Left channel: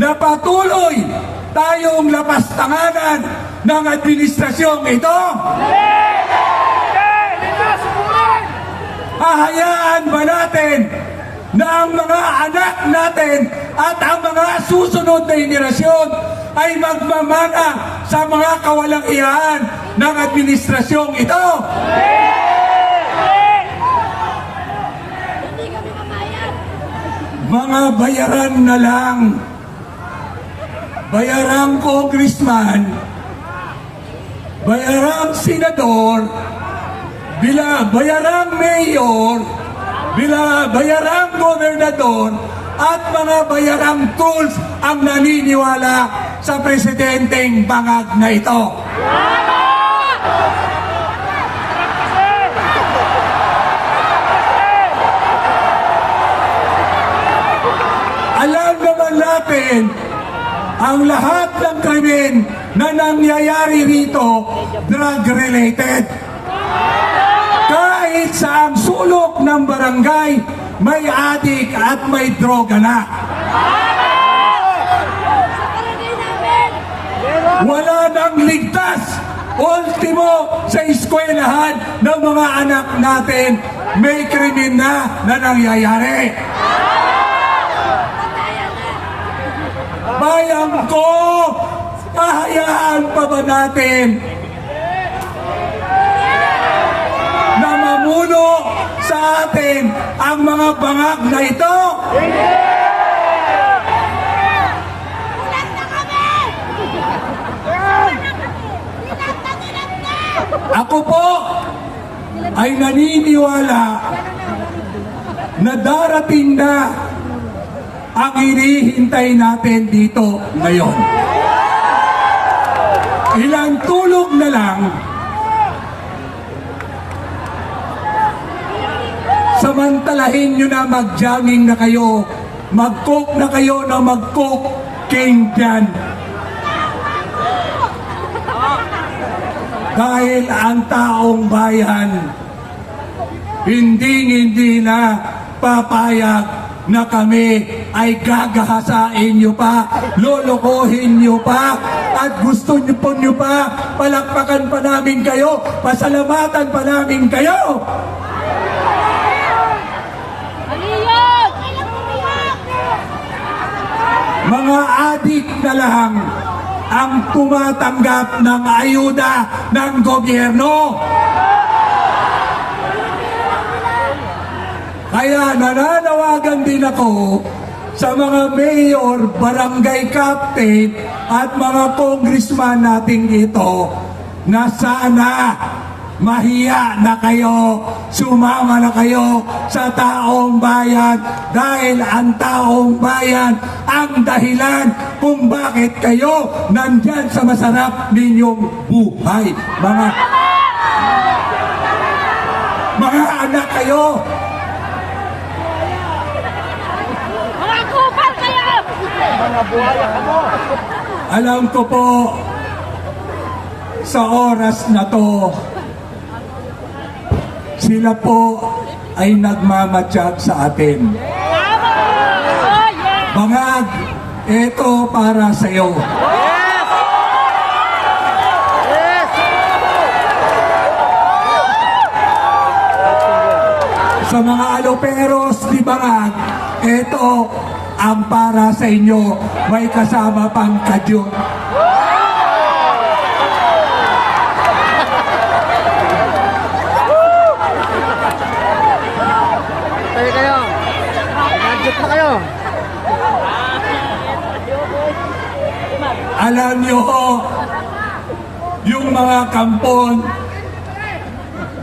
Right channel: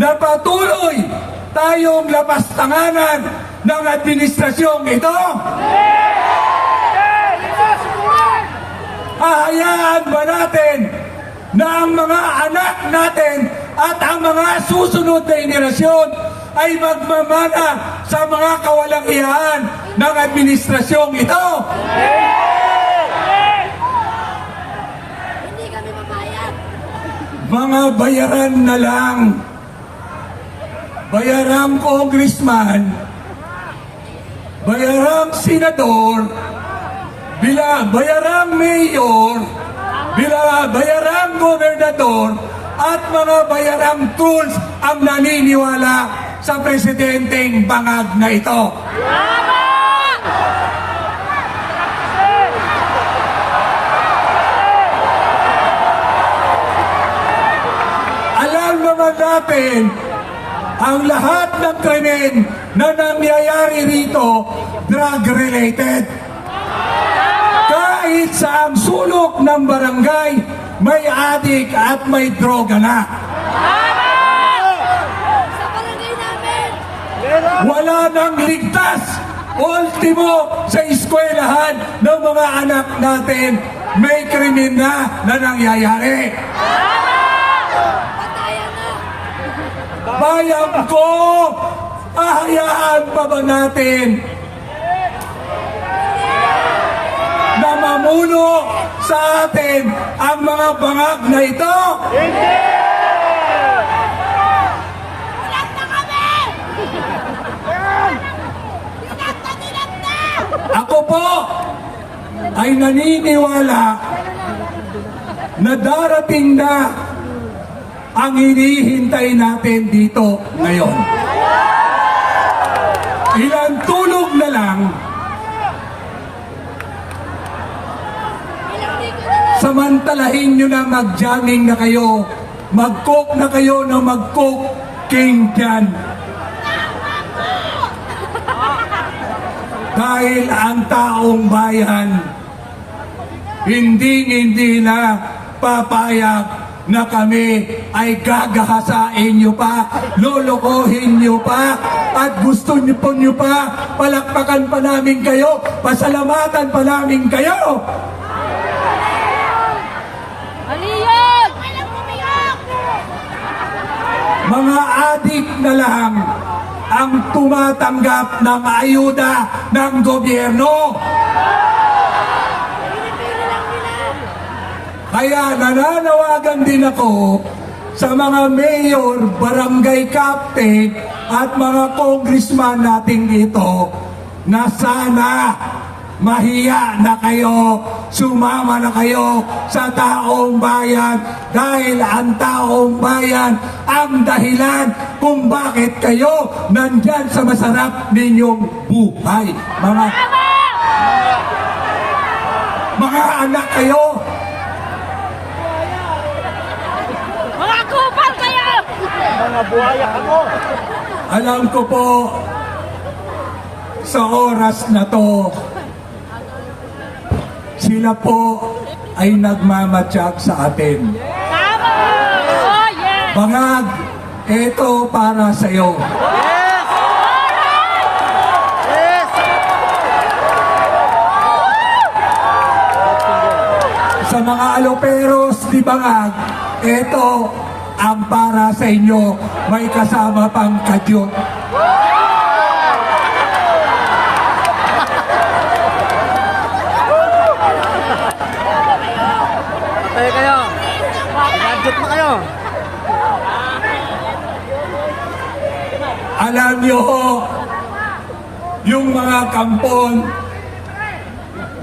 na patuloy tayong lapastanganan ng administrasyong ito? Hahayaan ba natin na ang mga anak natin at ang mga susunod na henerasyon ay magmamana sa mga kawalang-iyahan ng administrasyong ito? Hindi kami mamayag. Mga bayaran na lang, bayarang congressman, bayarang senador, bayarang mayor, bayarang gobernador, at mga bayarang tools ang naniniwala sa presidenteng bangag na ito. Alam naman natin ang lahat ng krimen na nangyayari rito drug-related. Kahit sa ang sulok ng barangay, may adik at may droga na. Sa barangay namin. Wala nang ligtas. Ultimo, sa eskwelahan ng mga anak natin, may krimen na nangyayari. Patayan na. Bayan ko, hahayaan pa ba natin na mamuno sa atin ang mga bangag na ito? Ako po ay naniniwala na darating na ang hinihintay natin dito ngayon. Ilang tulog na lang, samantalahin nyo na mag-jogging na kayo, mag-coke na kayo na mag-coke king dyan. Dahil ang taong bayan, hindi na papayag na kami ay gagahasain nyo pa, lolokohin nyo pa, at gusto nyo pa, palakpakan pa namin kayo, pasalamatan pa namin kayo. Mga adik na lang ang tumatanggap ng ayuda ng gobyerno. Kaya nananawagan din ako sa mga mayor, barangay captain at mga congressman natin dito na sana mahiya na kayo, sumama na kayo sa taong bayan dahil ang taong bayan ang dahilan kung bakit kayo nandyan sa masarap ninyong buhay. Mga anak kayo, alam ko po sa oras na to, sila po ay nagmamatsyag sa atin. Bangag, ito para sa iyo. Sa mga aloperos di Bangag, ito ang para sa inyo. May kasama pang kadyo. Patay kayo. Pinadjot na kayo. Alam nyo, yung mga kampon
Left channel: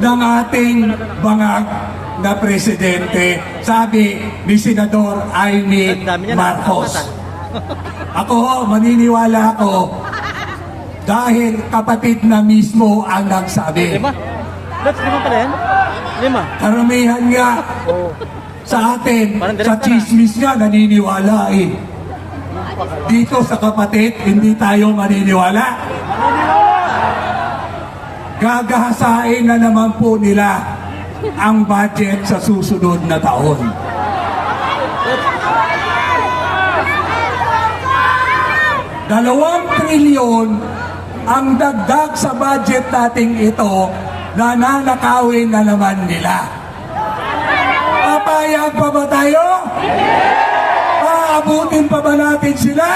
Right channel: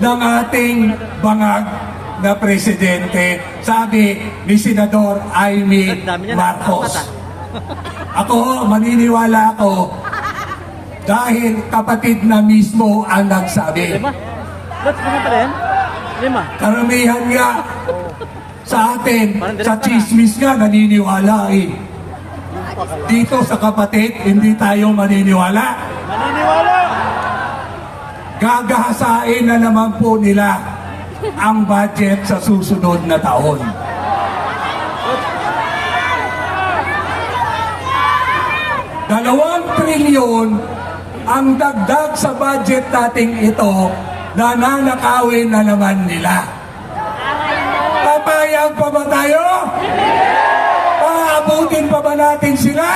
ng ating bangag na presidente, sabi ni Senador Amy Marcos. Ako, maniniwala ako dahil kapatid na mismo ang nagsabi. Lima? Lots, lima pala yan? Lima? Karamihan nga sa atin, sa chismis nga, naniniwala eh. Dito sa kapatid, hindi tayo maniniwala. Gagahasain na naman po nila ang budget sa susunod na taon. 2 trilyon ang dagdag sa budget nating ito na nanakawin na naman nila. Papayag pa ba tayo? Aabutin pa ba natin sila?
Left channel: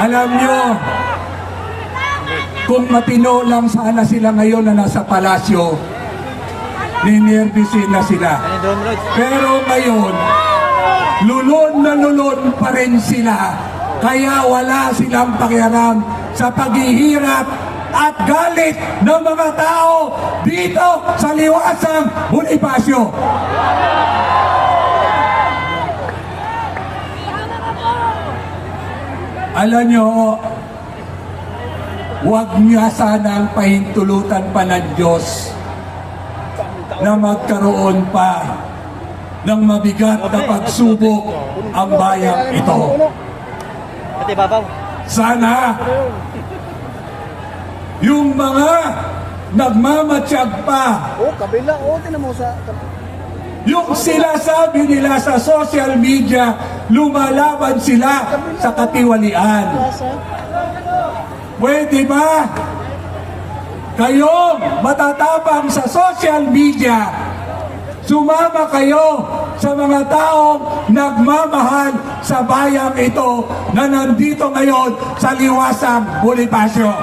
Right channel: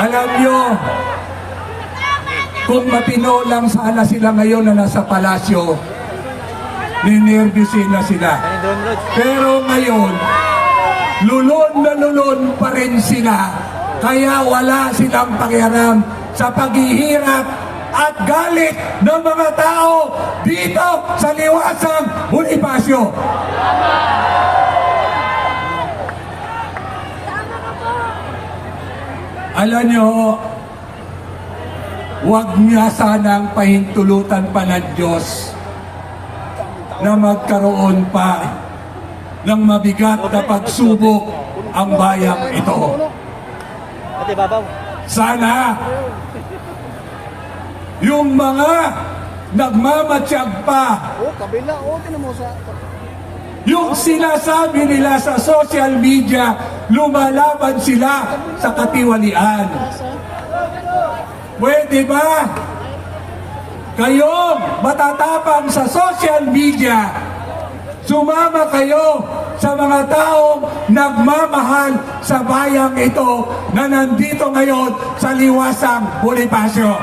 Alam nyo, kung matino lang sana sila ngayon na nasa palasyo, ninervisin na sila. Ano doon, Lord? Pero ngayon, lulon na lulon pa rin sila. Kaya wala silang pakialam sa paghihirap at galit ng mga tao dito sa Liwasang Bonifacio. Alam nyo, huwag niya sanang pahintulutan pa ng Diyos na magkaroon pa ng mabigat na pagsubok ang bayang ito. Pati babaw. Sana yung mga nagmamatsyag pa, Kabila. Tinan mo sa... yung sinasabi nila sa social media, lumalaban sila sa katiwalian. Pwede ba kayong matatapang sa social media, sumama kayo sa mga taong nagmamahal sa bayang ito na nandito ngayon sa Liwasang Bonifacio?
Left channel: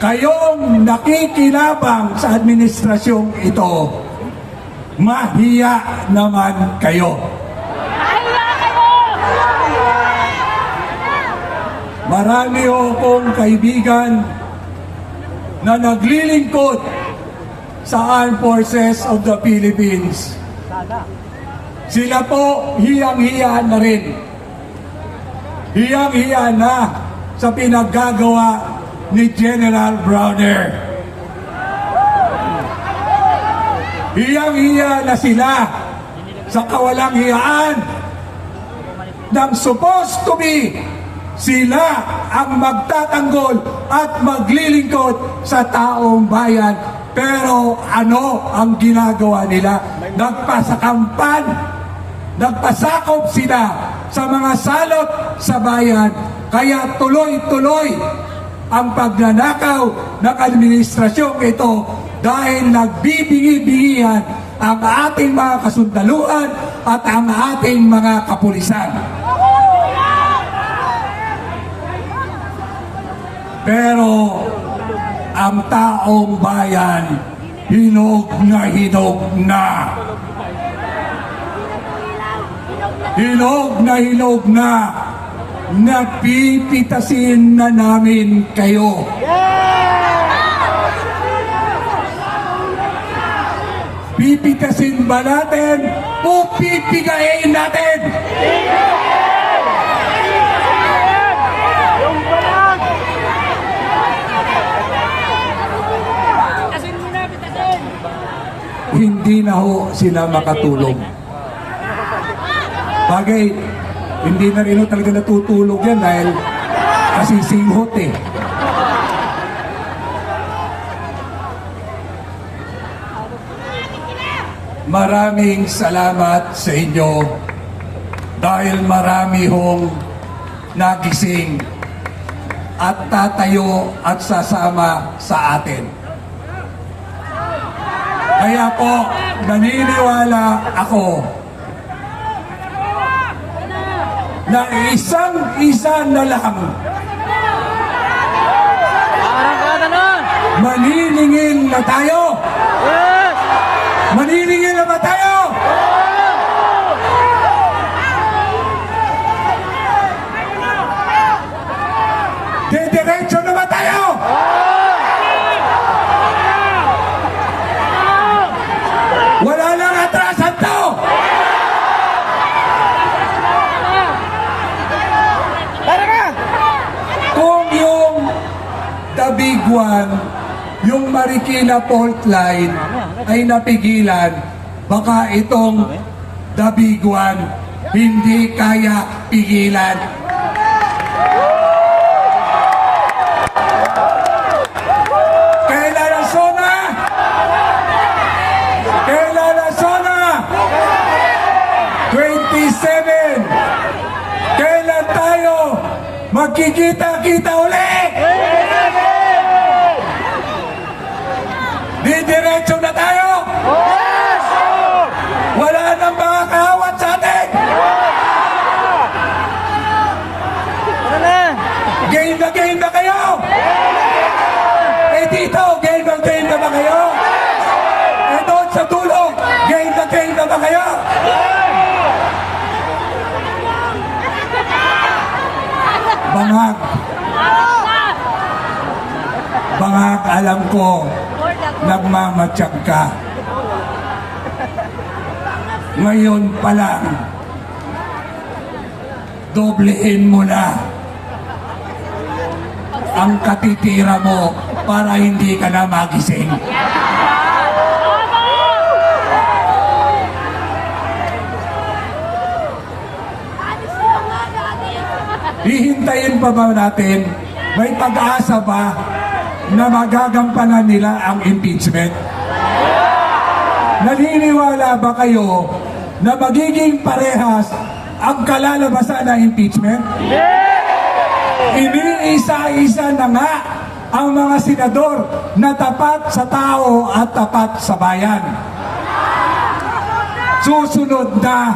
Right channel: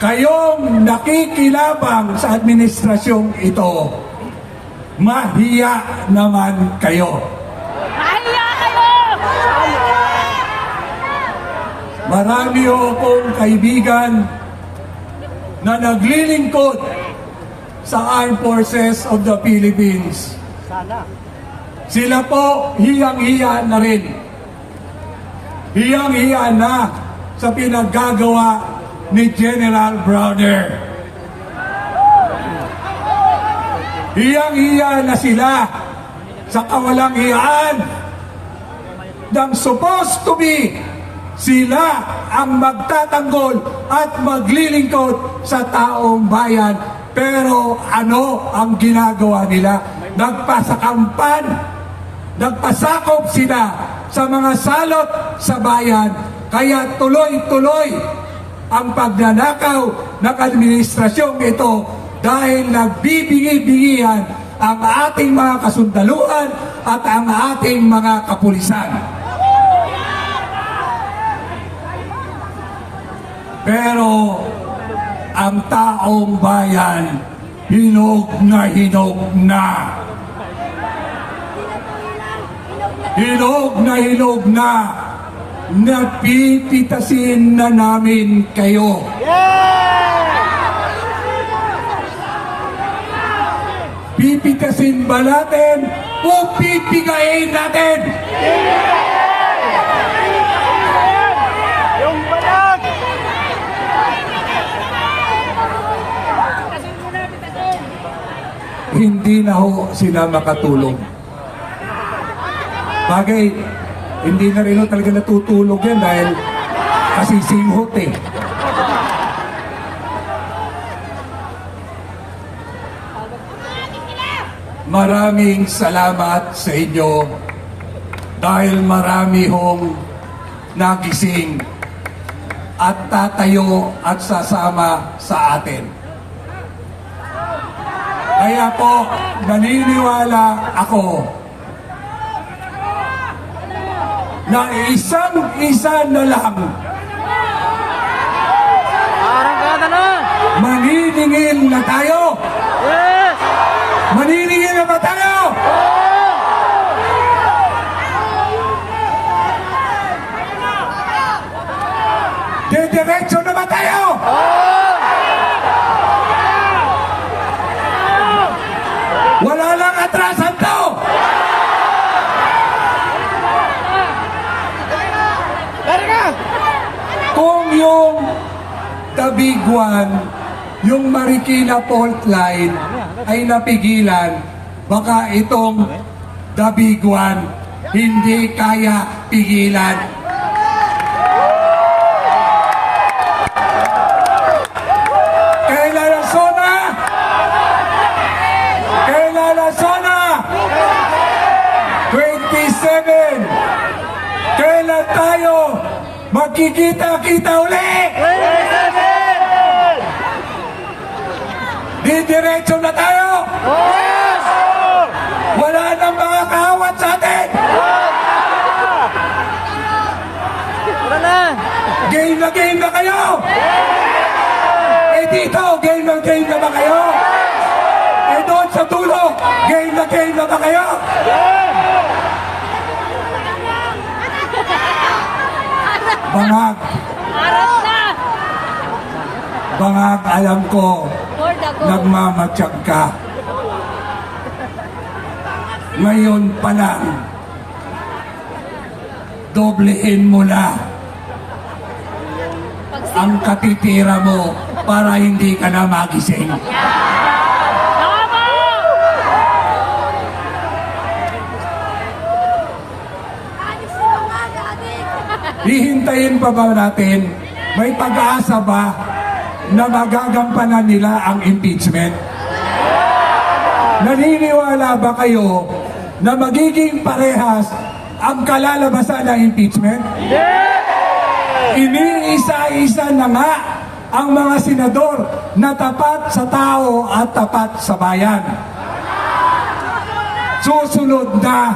Kayong nakikinabang sa administrasyong ito, mahiya naman kayo. Marami akong kaibigan na naglilingkod sa Armed Forces of the Philippines. Sila po hiyang-hiya na rin. Hiyang-hiya na sa pinaggagawa ni General Browner. Hiyang-hiya na sila sa kawalang hiyaan ng supposed to be sila ang magtatanggol at maglilingkod sa taong bayan. Pero ano ang ginagawa nila? Nagpasakampan, nagpasakop sila sa mga salot sa bayan. Kaya tuloy-tuloy ang pagnanakaw ng administrasyong ito dahil nagbibingi-bingihan ang ating mga kasundaluan at ang ating mga kapulisan. Pero ang taong bayan, hinog na hinog na. Hinog na hinog na. Napipitasin na namin kayo. Pipitasin ba natin o pipigayin natin? Hindi na ho sila makatulog. Bagay, hindi na rin ho talaga natutulog yan dahil kasi singhot eh. Maraming salamat sa inyo dahil marami hong nagising at tatayo at sasama sa atin. Kaya po, naniniwala ako na isang-isa na lang Arangkada na! maniningin na tayo. Yes! Maniningin na ba tayo? Diretso na ba tayo? Wala lang atrasan to. Kung yung The Big One, yung Marikina Fault Line ay napigilan, baka itong The Big One hindi kaya pigilan. magkikita-kita uli! Didiretso na tayo! Wala nang mga kahawat sa atin! Tara na! Game na kayo! Eh dito, game na ba kayo? Eh doon sa dulo, game na ba kayo? Bangag, alam ko, nagmamatsyag ka. Ngayon pa lang, doblehin mo na ang katitira mo para hindi ka na magising. Hihintayin pa ba natin? May pag-asa ba na magagampanan nila ang impeachment? Naniniwala ba kayo na magiging parehas ang kalalabasan ng impeachment? Iniisa-isa na nga ang mga senador na tapat sa tao at tapat sa bayan. Susunod na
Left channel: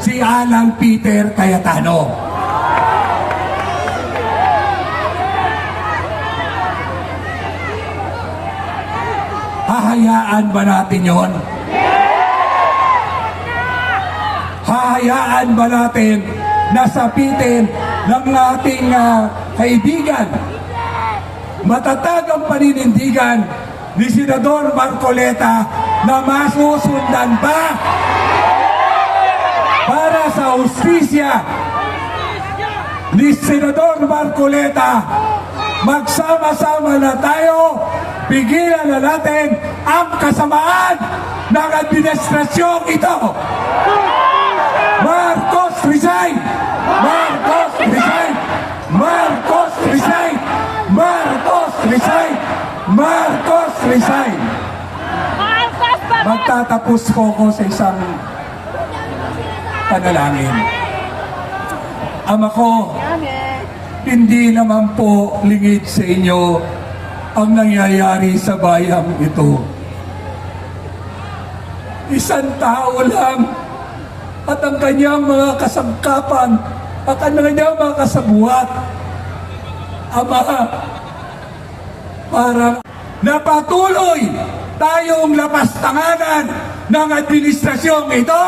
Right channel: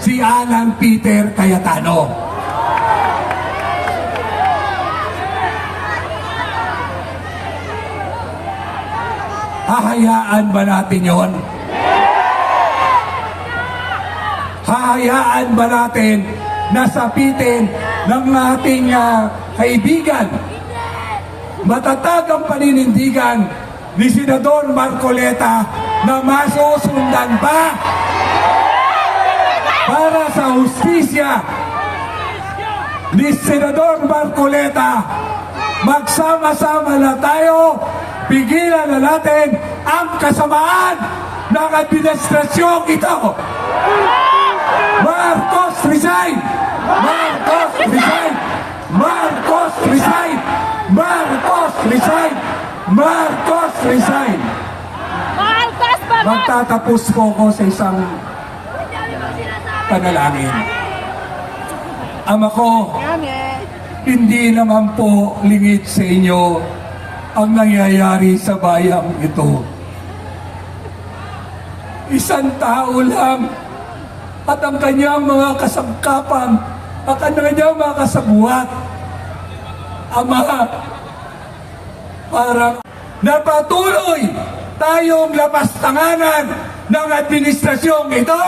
si Alan Peter Cayetano. Hahayaan ba natin yon? Hahayaan ba natin na sapitin ng ating kaibigan, matatag ang paninindigan ni Senador Marcoleta na masusundan pa para sa hustisya ni Senador Marcoleta? Magsama-sama na tayo, pigilan na natin ang kasamaan ng administrasyong ito. Marcos resign! Marcos resign! Marcos resign! Marcos resign! Marcos resign! Magtatapos po ko sa isang panalangin. Ama ko, hindi naman po lingid sa inyo ang nangyayari sa bayang ito. Isang tao lang at ang kanyang mga kasangkapan at ang kanyang mga kasabuat. Ama, para napatuloy tayong lapastanganan ng administrasyong ito.